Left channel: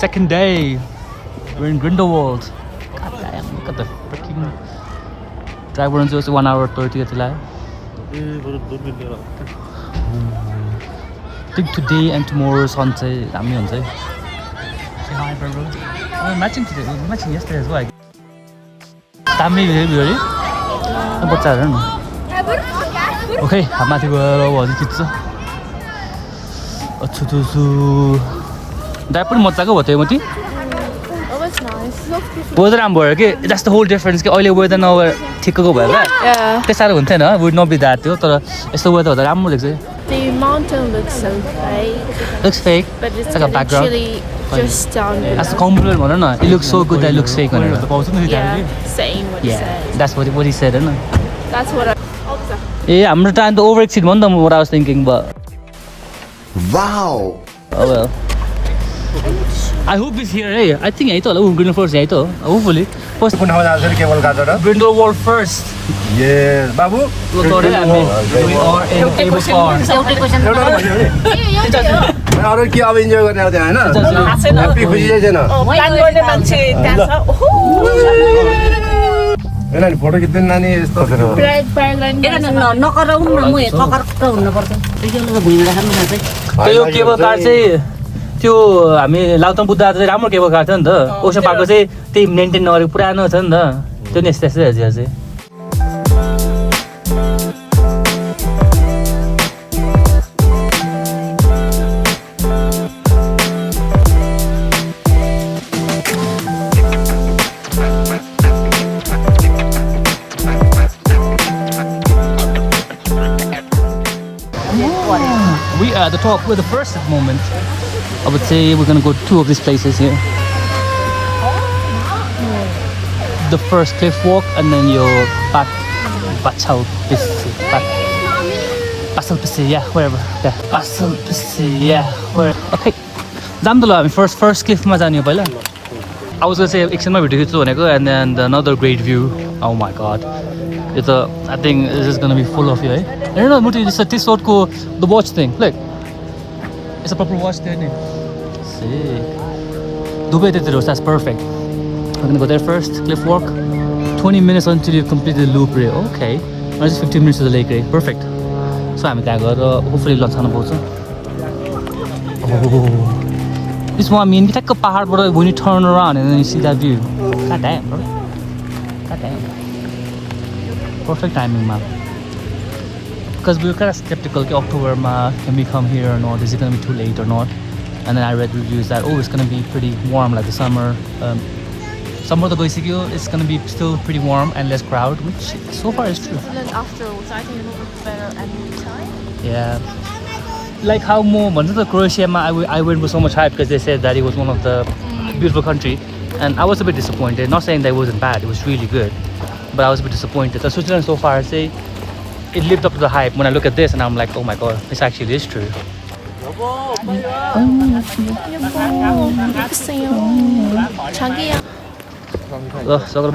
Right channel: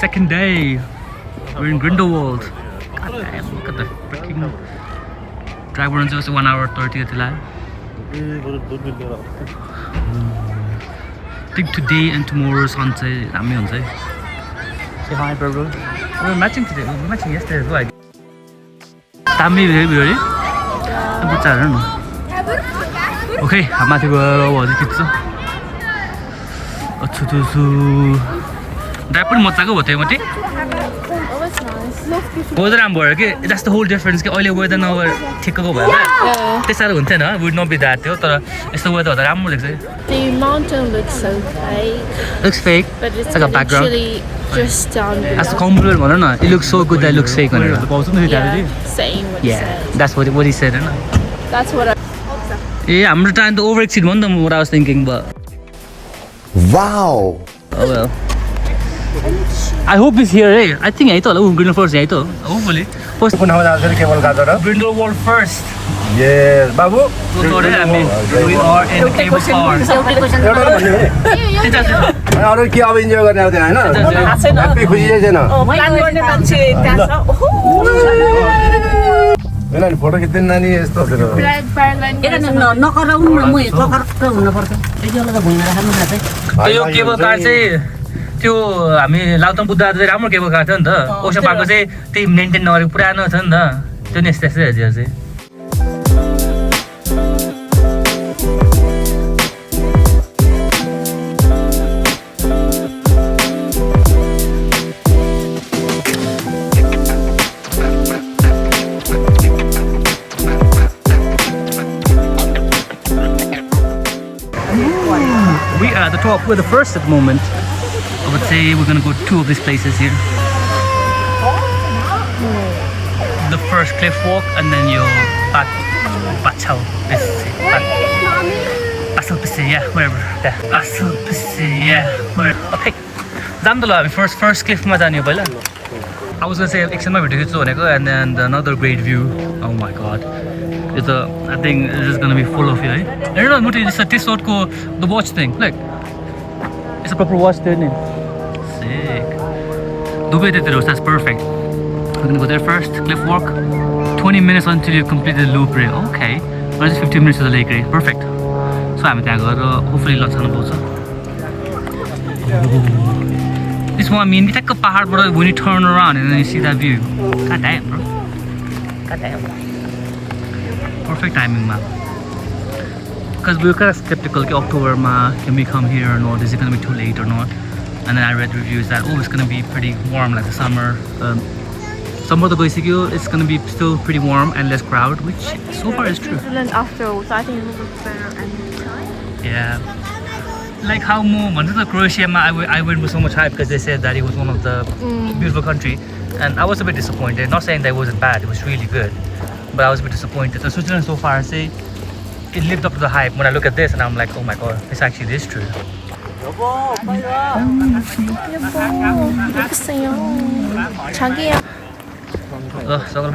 second day. We're in Grindelwald. God damn, look at the freaking drive runs just 1 hour 30 till I think today and tomorrow sunset. Say hi, bro. We're matching today. We're matching yesterday as well. Tammy, really? What's that? I don't know. Okay, I'm not gonna go. That pretty much ago. Oh, it's nice. Weather राम्रो भयो कि that's the whole difference कि अहिले weather नभएर ठिक्कको भयो क्या त्यति साह्रो हुन्थेन would not be that थियो तर यस्तो weather हुँदा राम्रो देख्छ The mountain looks so fake. Looks fake But it's like a background actually just down below. That's the compliment भन न it looks so good that it looks fake Yeah, saying what he said. That's what he said हैन That's what I... ए हाम्रो time त over exceed भयो नि त what I was thinking but Wow. oh well I hope he's here eh I think यही त होला Grindelwald यही त हो hopefully first कुन ठाउँमा जान्छ नि केबल काटेर Grindelwald first यस बाबु we are in cable car अरु के अब इन्जोय गर्ने हैन ह्यापी खुसी चाहिँ छैन प्लान गर्ने मान्छे त्यहाँ छ हैन नि फोटो खिच्दैन नानी यस्तो त्यो केबल कार चाहिँ त्यो हामी लाउतम बुद्ध चाहिँ राम्रो केबल कार थियो नि त ओसन पार्कको चाहिँ त्यही मेन्टेन नगरेको पुरानो छ नि त त्यो नि यस्तै यस्तै चाहिँ We are at the top. We're the first at the moment. I would say we're gonna go to 2 of these places here. The first cliff walk and then your Bachal Pisse. Basel Pisse, yeah, wherever. Yeah. Basel Pisse, yeah, wherever. Okay. Dandala, first cliff ma jane पहिला. I was gonna say एकछिनमा video खिच्छु भनेको and then another great view. Oh my god. I think this is gonna be full of you, eh? No, Muti, this is this the watch thing. Look. It's a proper watch thing. Sick. Dubai that's perfect. We're gonna go there first, cliff walk. 20 minutes until you complete the loop. Okay. Just 15 minutes to the lake, right? Perfect. So I'm going to hopefully lunch on the boat. This one I mean, it's like a pahad, but when you turn around and then you see that view. God damn, bro. God damn. Perfect timing, man. Because we were kind of skeptical, like October, can we come here or not? Is it going to be too late or not? And then I read reviews that, oh, it's going to be pretty warm like the summer. Summer the Goisikyo, it's going to be still pretty warm and less crowd, which so far is true. And then afterwards, I think it's better any time. Yeah. Like how more, Croatia, I went with so much hype because they said that it was one of the beautiful country. And I was a bit disappointed. Not saying that it wasn't bad, it was really good. But I was a bit disappointed. So Switzerland so far, I say, it lived up to the hype. When I look at this and I'm like, oh my god, this actually is true. 자기야. So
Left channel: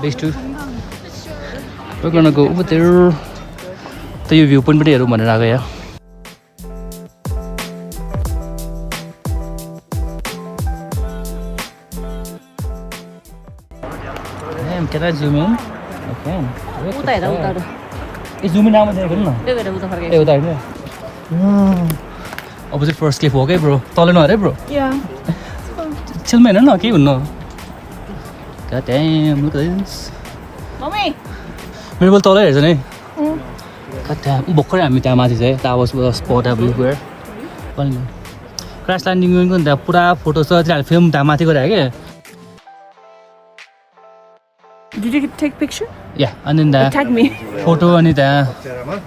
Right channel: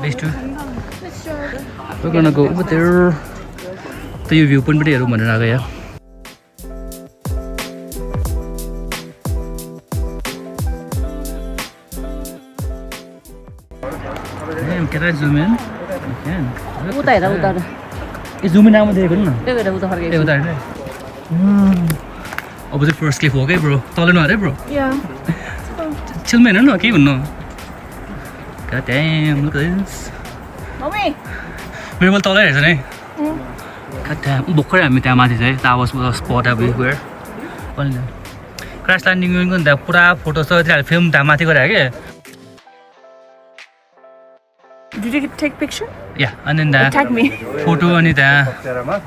base 2. We're gonna go over there. The view point here, yeah. Damn, can I zoom in? I can. Zoom in now, opposite first cliff, okay, bro? Taller, bro? Yeah. Chill, man, no, no. God damn, look at this. Mommy. We will taller, isn't it? God damn, that was a spot everywhere. Crash landing, you're going to put photos and film. Did you take picture? Yeah, and then the Tag me. photo and the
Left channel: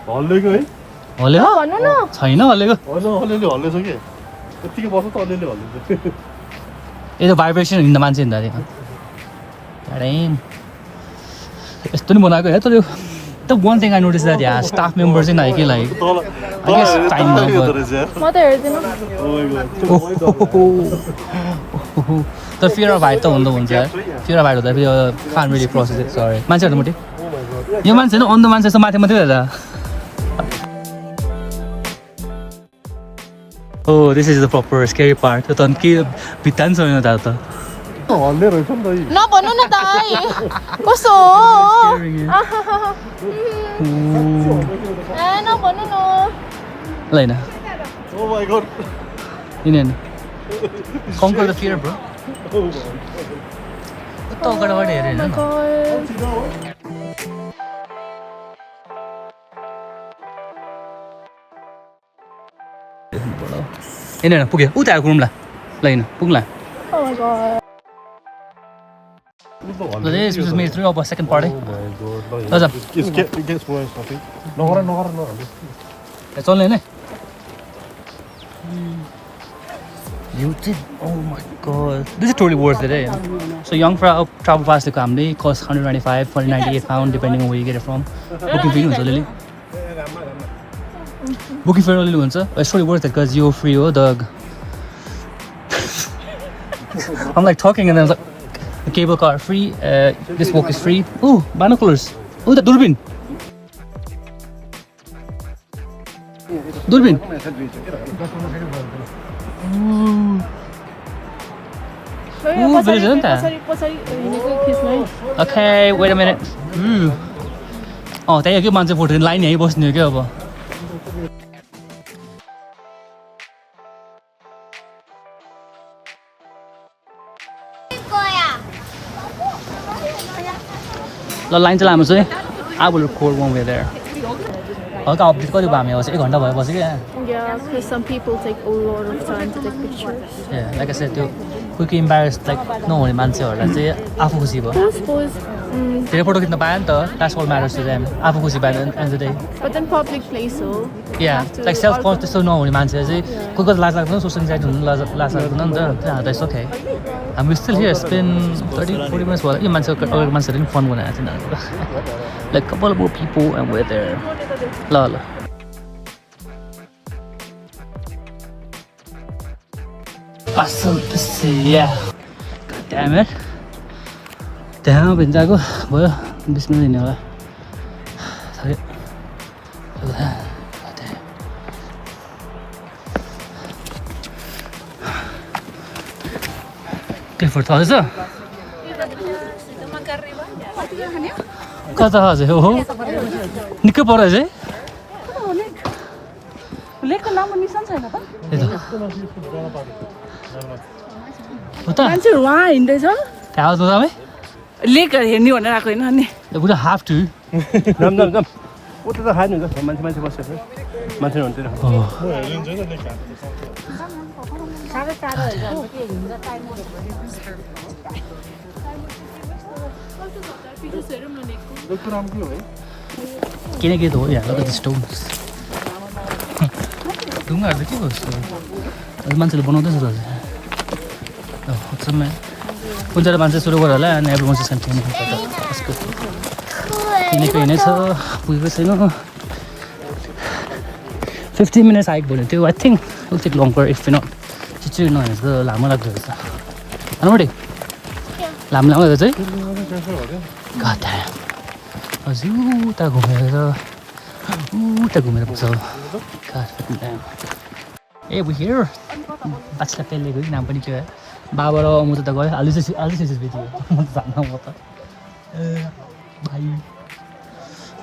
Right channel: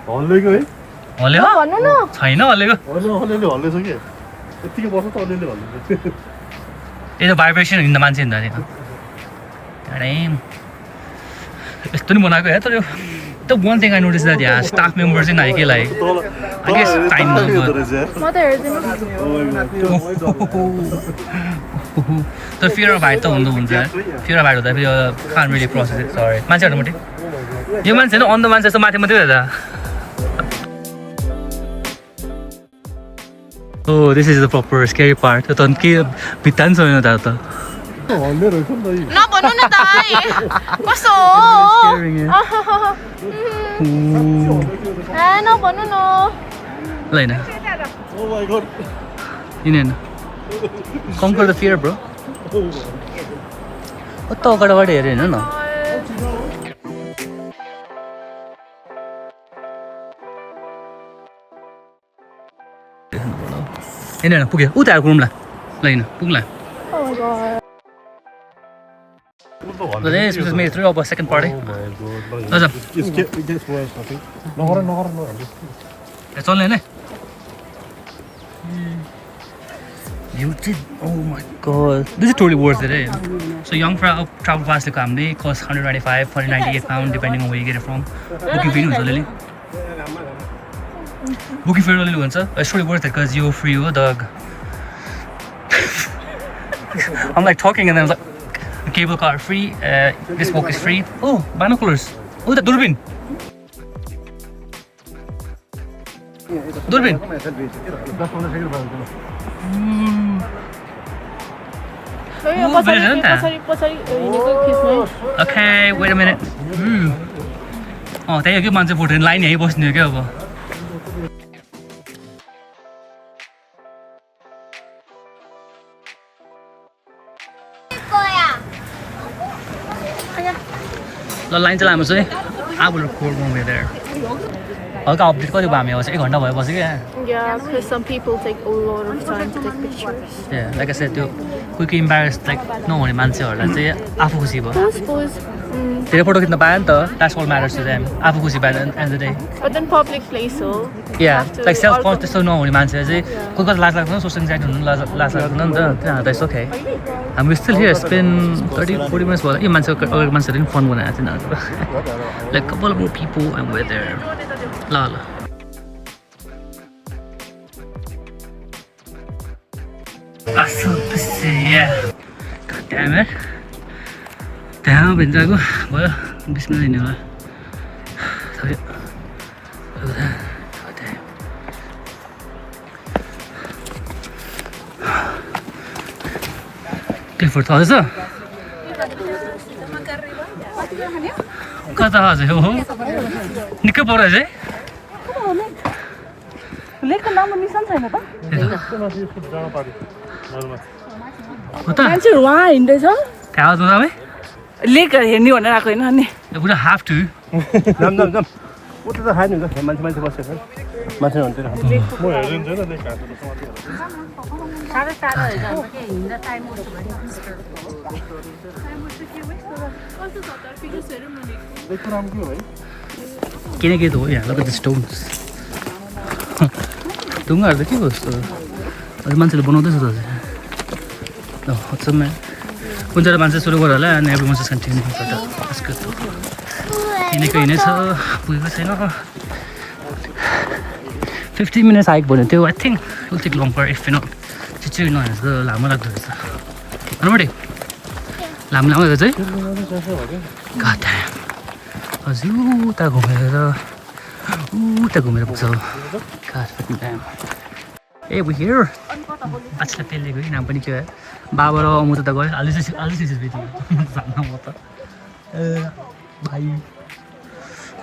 हल्लेको है हल्ले Oh, no. छैन हल्लेको अलिअलि हल्लेछ कि यतिकै बस्छ त अलिअलि हल्लिन्छ यो त भाइब्रेसन हिँड्दा मान्छे हिँड्दा नि अरे यस्तो नि बनाएको है तर the one thing I noticed that yeah, staff members in Nike like I guess time Mother, the fear of height त हुँदो हुन्छ fear of height हुँदा फेरि can't really process it sorry मान्छेहरु मुटी यो मान्छे हैन अन्ध मान्छे जस्तो माथि मात्रै हेर्दा Oh, this is the proper scary part. त अनि के भित्ता नि छैन त त हल्ले रहेछ नि त यो नभन्नु न दाइ कस्तो Scaring you. नभन्नु न ल हैन ओ माय गॉड हैन conquer the fear bro त अगाडिबाट हेरे हैन न हैन पुग्यो उता घुमला ल हैन पुग्ला But this was made through our second party. What's up? It gets worse I think नगर It's only in it. You did. Oh my god. This is totally worth it, eh? So young travel pass to Kambi costs 195 for 98 pound depending on where you get it from. Booking fee हुन्छ अलिअलि Booking fee अलिअलि हुन्छ. It's totally worth it because you're free, oh dog. I'm like talking and then I was like, the cable car free. This book is free. Ooh, binoculars. Ooh, the Durbin. Durbin. Ooh, village isn't that? Okay, wait a minute. Oh, त्यही हो कि मान्छे photo line यहीँ बस्ने हो क्या अब ल लाइन चाहिँ लामो छ है I will record one way there. हल्का अपडेट कति भयो हामी अब 1 घन्टा भयो बस्यो क्या Yeah, because some people take a lot of time to take pictures. Yeah, like I said, त्यो कोही कोही इम्बारेस लाइक नहुने मान्छेहरूलाई चाहिँ आफू खुसी भयो धेरै फोटो खिच्न पायो नि त that's what matters to them आफू खुसी भयो end the day But then public place, so. या लाइक सेल्फ कन्स त्यस्तो नहुने मान्छे चाहिँ कोही कोही लाज लाग्दैन सोसियल एन्जाइटी हुनु लाज लाग्दैन नि त त्यहाँ त यस्तो ओके हामी स्टिल हियर स्पेन 30-40 मिनट्स भयो यो मान्छे अगाडिको मान्छेहरूले पनि फन बनाएको थियो तिनीहरूको लाइक कपाल more people and where there ल ल असल पिसे या damn it त्यहाँ भिन्जाको भयो 20 मिनट हिँड्ने होला क्लिफोर्ड थाहा छ कता हजुर हो निकै परेछ है हो त मान्छेहरू उहाँ हिँड्दैछ कहाँ आउँछ तपाईँ लेक हेर्ने भनेर आएको होइन अनि We don't have to. जाम उता त खानु हुन्छ मान्छे बसेको मान्छे हुन्थ्यो किनकि हो यहाँ look at the stones. ढुङ्गाहरू त के कस्तो मान्छेले बनाउँदैछ त ल हट्छम्म कुन चाहिँ मान्छे सुरु गर होला अनि everyone just continue किनेको हिँडेछ पुगेको छैन 15 minutes हाइक भन्यो त्यो I think will take longer if not चाहिँ नहेर्छ लामो लाग्दो रहेछ अनुमति लामो रहेछ है गाता हजुर उता घुमेर पुग्छ ए we here बाछला पेलेको नाम पनि के हो बाबा र अमुता त गयो अलि चाहिँ भेटियो जान्न म त भाइ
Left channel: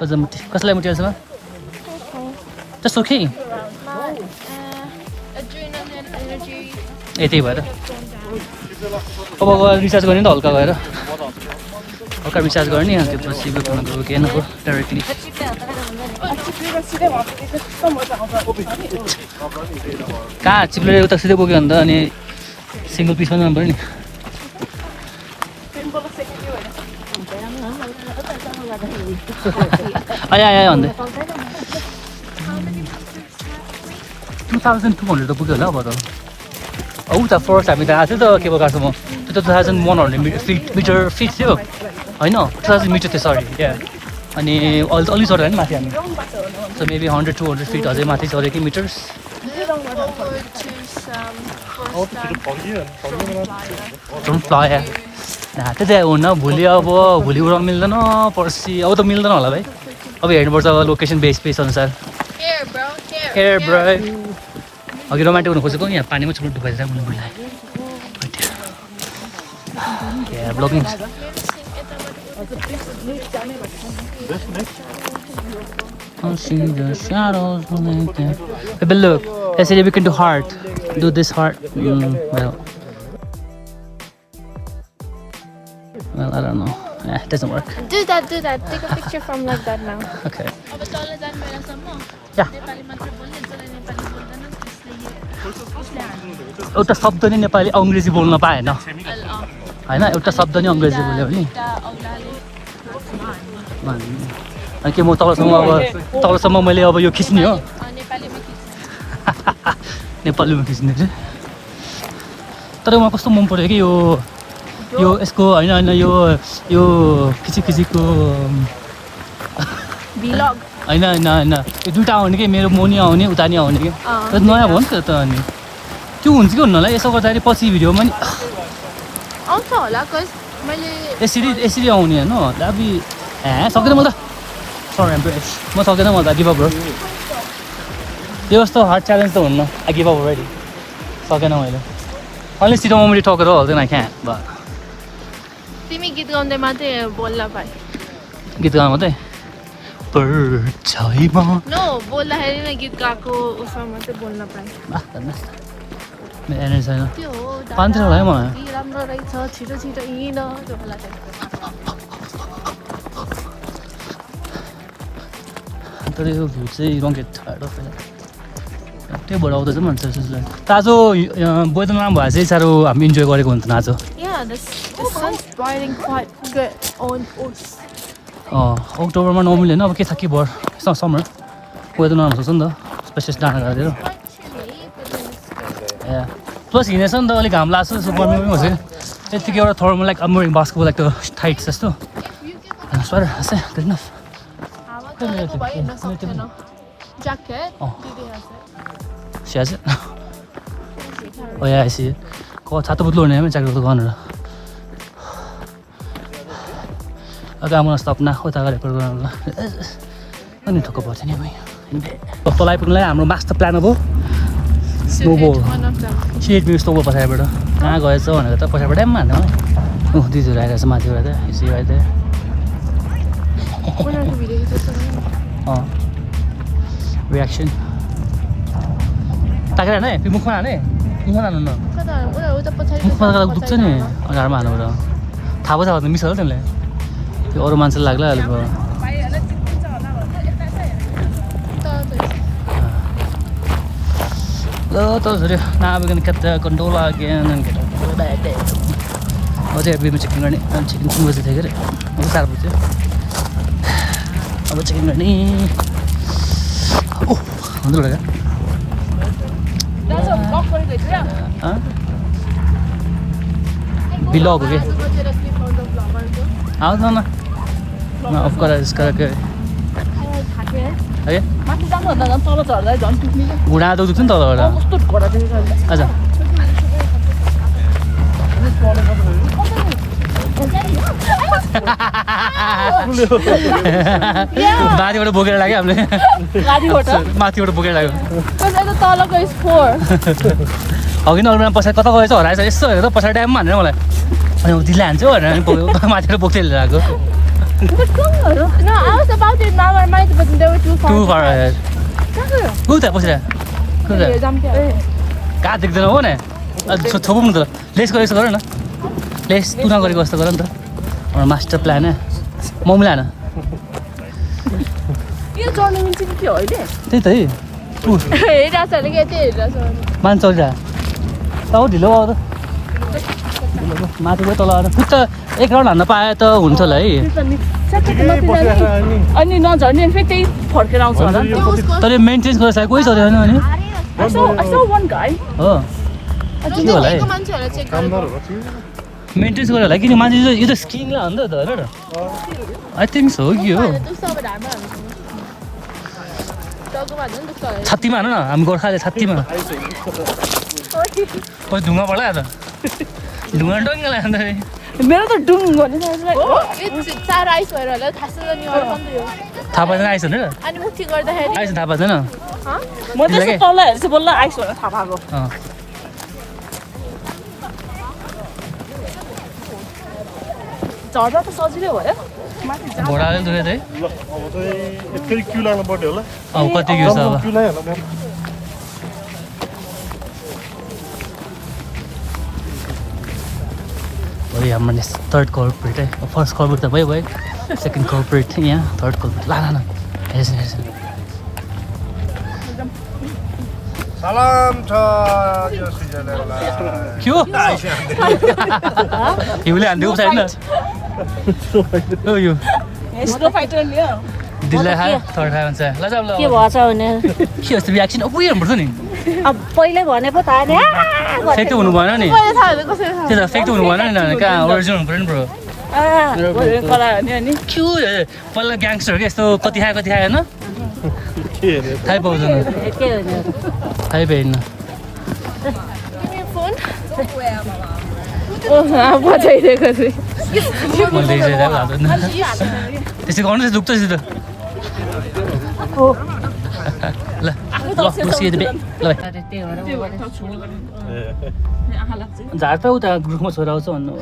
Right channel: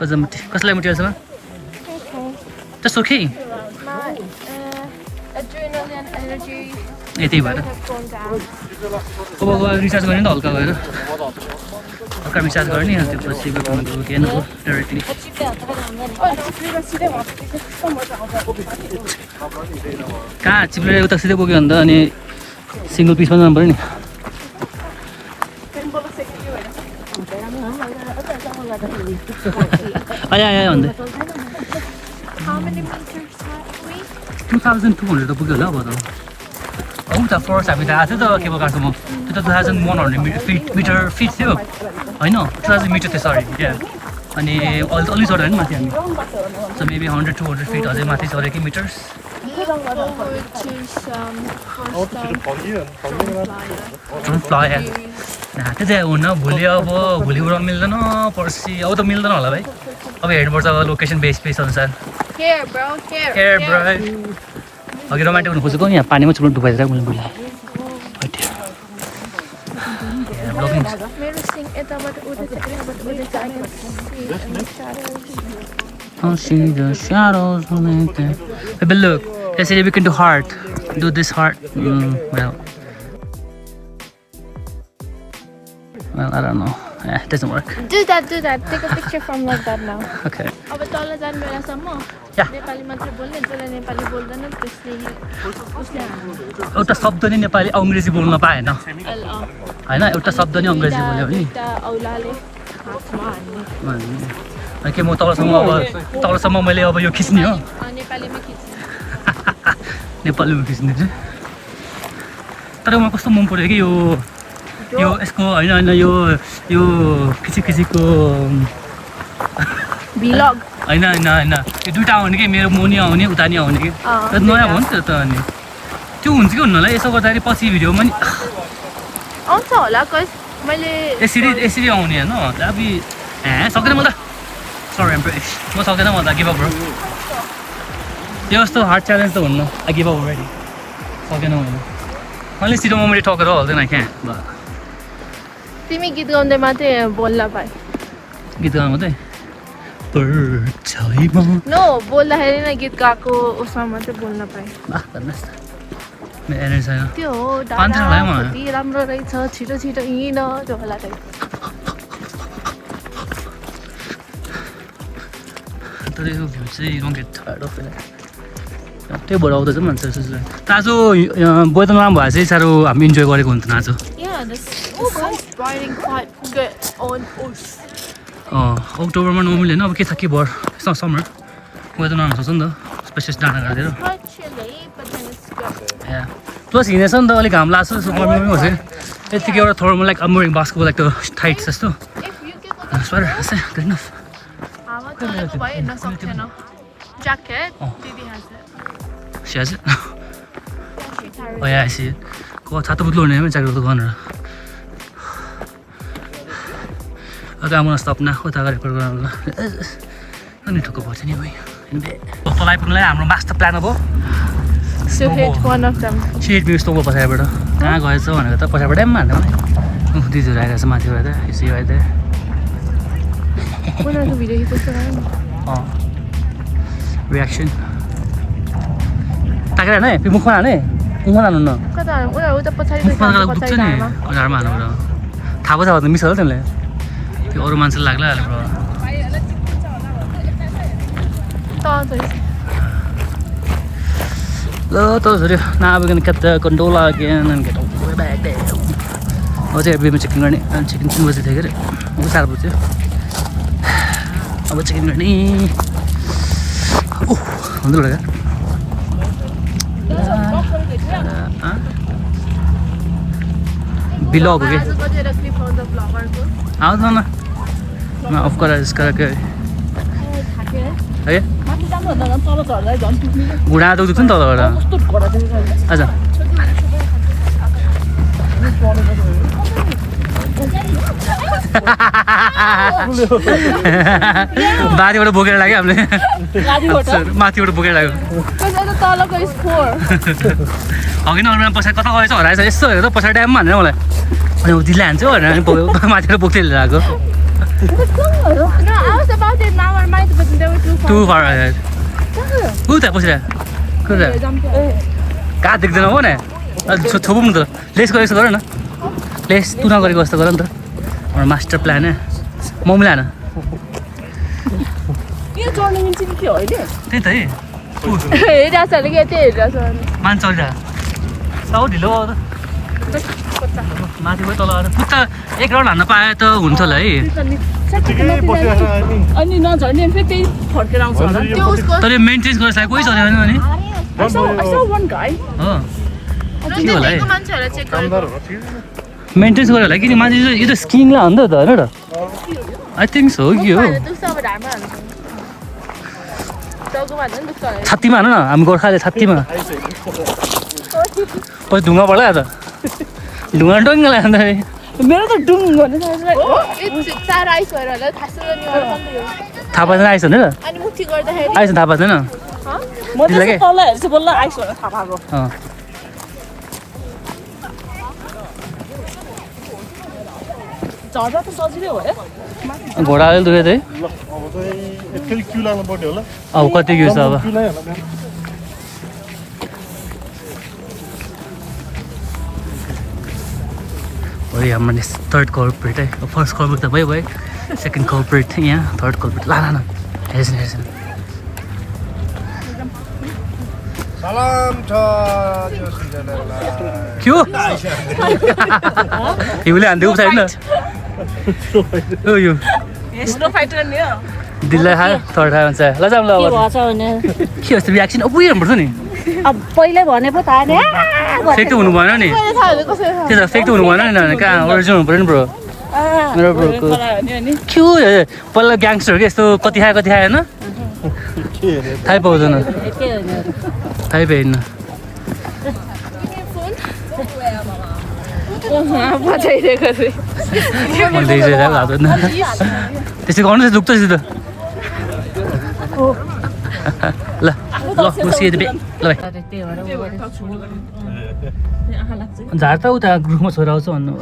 कसलाई मोटिभेसन त्यस्तो के यति भएर अब गएर रिचार्ज गर्ने त हल्का गएर हल्का रिचार्ज गर्ने अनि त्यसपछि के न डाइरेक्टली कहाँ चिप्लेर उता सिधै बोक्यो भने त अनि सिङ्गल पिसमा जानु पऱ्यो नि आयो भन्दै 2200 त पुग्यो होला अब त उता फर्स्ट हामी त आएको थियो त केबल कारसम्म त्यो त 2100 फिट थियो होइन 2000 मिटर थियो सरी त्यहाँ अनि अलि चढ्यो नि माथि हामी सो मेबी 100-200 फिट अझै माथि चढ्यो कि मिटर्स त्यो चाहिँ हुन्न भोलि उडाउनु मिल्दैन पर्सि अब त मिल्दैन होला भाइ अब हेर्नुपर्छ लोकेसन बेस अनुसार Here bro अघि रोमान्टिक हुनु खोजेको नि यहाँ पानीमा चुप्नु डुबाइदिएर मैले बुझाएँ blogging see the shadows like that. But look, yesterday we can do heart. Do this heart. Well, I don't know. It doesn't work. Do that. Take a picture from like that now. Okay. अब तल जान बेलासम्म Yeah. Nepali मात्र बोल्ने त्यसले नेपाली बोल्दैन त्यसले एउटा शब्द नि नेपाली अङ्ग्रेजी बोल्न पाएन होइन एउटा शब्द नि अङ्ग्रेजी बोल्यो नि औलाले के म तलसम्म मैले अब यो खिच्ने हो नेपालीमा खिच्ने नेपालीमा खिच्ने चाहिँ तर मलाई कस्तो मन पऱ्यो कि यो यसको होइन यो खिचिको भ्लग होइन यो दुइटा आउने कि मेरो म नि आउने उता नि आउने कि तर नयाँ भयो नि त अनि त्यो हुन्छ कि हुन्न होला यसो गर्दाखेरि पछि भिडियोमा नि आउँछ होला मैले यसरी आउने होइन अबि सक्दैन म त सरी एम्प्रेस म सक्दैन म त गिभ अप ब्रो यो जस्तो हार्ड च्यालेन्ज त हुन्न आई गिभ अप अलरेडी सकेन मैले अलि सिधो मैले टकेर हाल्दैन कहाँ भयो तिमी गीत गाउँदै मात्रै बोल्न पाए गीत गाउनु मात्रै नो बोल्दाखेरि नै गीत गाएको उसमा मात्रै बोल्न पाएँ मेरो एनर्जी छैन त्यो हो 500 भयो मलाई राम्रो रहेछ छिटो हिँड जबला तर यो भ्यू चाहिँ don't get tired of it त्यो भएर आउँदैछ नि मान्छे ताजो वेदर राम्रो भए चाहिँ साह्रो हामी इन्जोय गरेको हुन्छ आज अक्टोबरमा नर्मली होइन अब के छ के भर समर वेदर नराम्रो छ नि त स्पेसियस डाँडा गाडिदिएर प्लस हिँडेछ नि त अलिक घाम लाग्छ जस्तो गर्मीमै हुन्छ कि यतिकै एउटा थर्मल लाइक अमरिङ बास्को लाइक टाइट जस्तो सर देख्नु स्याज या यसि छाता पुत्लो हुने ज्याकेटको दोकानहरू अगाडि मलाई सपना उता गरेको अनि ठुक्क पर्छ नि तल आइपुग्नुलाई हाम्रो मास्टर प्लान अब सेट भ्यू यस्तो पछाडिबाट कहाँ गएछ भनेको त पछाडिबाट पनि हाल्दैन दिदीहरू आइरहेको छ माथिबाट यसो आइदिएर रियाक्सन ताकेर हाने फेरि मुखमा हाने मुखमा हानु न मुखमा दुख्छ नि अनुहारमा हानुबाट थाहा भयो त मिस होला त्यसलाई त्यो अरू मान्छेले लाग्ला ल त छोरी now we're gonna cut the gondola again and get all the way back there अझै एभ्रीमा चेकिङ गर्ने चिकन 3 बजी थियो के अरे अब 4 बज्यो अब चेकिङ गर्ने हुन्छ होला बिलग हो कि आउँछ न अफ गरेर है घुँडा दुख्छ नि तलबाट आज बारीबाट बोकेर लाग्यो हामीले माथिबाट बोकेर लाग्यो अघि नै अरूमा पछाडि कता गएछ हराएछ यस्तो हेर पछाडि ड्याममा हानेर मलाई अनि दिदीले हान्छ भनेर माथिबाट बोक्दै लिएर आएको टु फार उता पछाडि कहाँ देख्दैन हो न छोपुम त लेस गरेको जस्तो गर न लेस तुना गरेको जस्तो गर नि त हाम्रो मास्टर प्लान मम्मीले हान त्यही त है मान्छे चलिरहेको अब ढिलो भयो त माथिबाट तल आएर पुत्त एक राउन्ड हान्न पाए त हुन्छ होला है अनि नझर्ने फेरि त्यही फर्केर आउँछ होला तर यो मेन्टेन गरेर सायद कोही चल्यो होइन अनि हो के होला है मेन्टेन्स गरेर होला किन मान्छे यो त स्किङलाई हान्दा त होइन र आई थिङ्क सो कि हो छात्तीमा हान न हामी गोर्खाले छात्तीमा पछि ढुङ्गा पर्ला त ढुङ्गा डङ्गा लाग्दा मेरो त डुङ थाहा पाउँदैन आइस भने र आइस थाहा पाउँदैन म चाहिँ तल हेर्छु बल्ल आइस भनेर थाहा पाएको झर्दा त सजिलै भयो घोडा अलिक दुख्यो चाहिँ ल अब चाहिँ फेरि क्यु लाग्नु पर्ने होला अब कति क्यु छ अब क्यु लाग्यो वही हाम्रो थर्ड कल्प्रिट है फर्स्ट कल्प्रिट त भयो सेकेन्ड कल्प्रिट यहाँ थर्ड कल्प्रिट ला हेर्छन् सलाम छ यो सिजनलाई के हो हिउँले हान्दै उठाएन यो स्नो फाइटर नि हो दिललाई खायो थर्ड खायो भन्छ ल जाऊँ ल के भएछ भने के जस्तो रियाक्सन अब उयो हेर्नुपर्छ नि अब पहिले भनेको थाहा नि फेक त हुनु भएन नि कसरी थाहा भयो कसरी थाहा त्यो त फेक त हुनु भएन नि कहाँ ओरिजिनल हुनु पऱ्यो नि ब्रो कला हो नि के हो पहिला ग्याङ्स्टर के यस्तो कति खायो होइन के हेरे थाहै पाउँदैन के होइन थाहै पाइन्न बजाइदिएको नि मैले देखिसकेको हात होइन त्यसै गर्नु चाहिँ दुख्छ त ल ल सिधै ल भाइ त्यही भएर झार त उता ग्रुपमा छोरा आउँछ भन्नु